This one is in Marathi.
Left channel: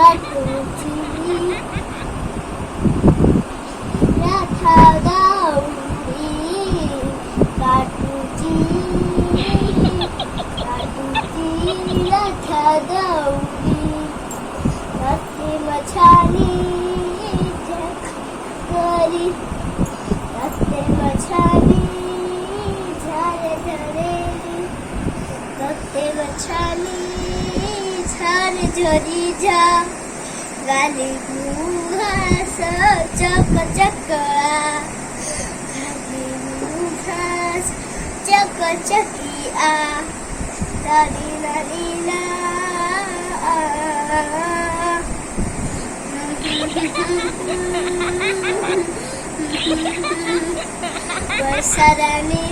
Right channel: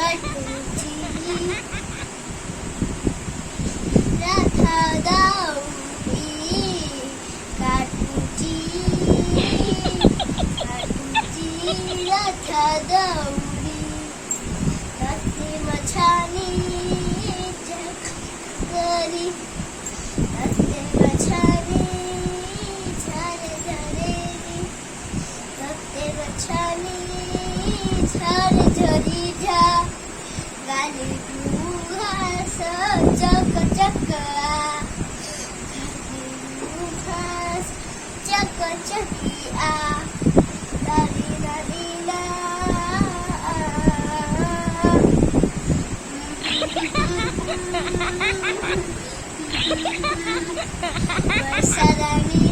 काटूची रथा दौडी काटूची रथा दौडी रस्ते मछाली करी रस्ते मछाली झारे झरेरी रस्ते मछाली झारे झरी जा गाली घास चक चकआ गाली घास चक चकिया लाली लाली ला वर्षा रानी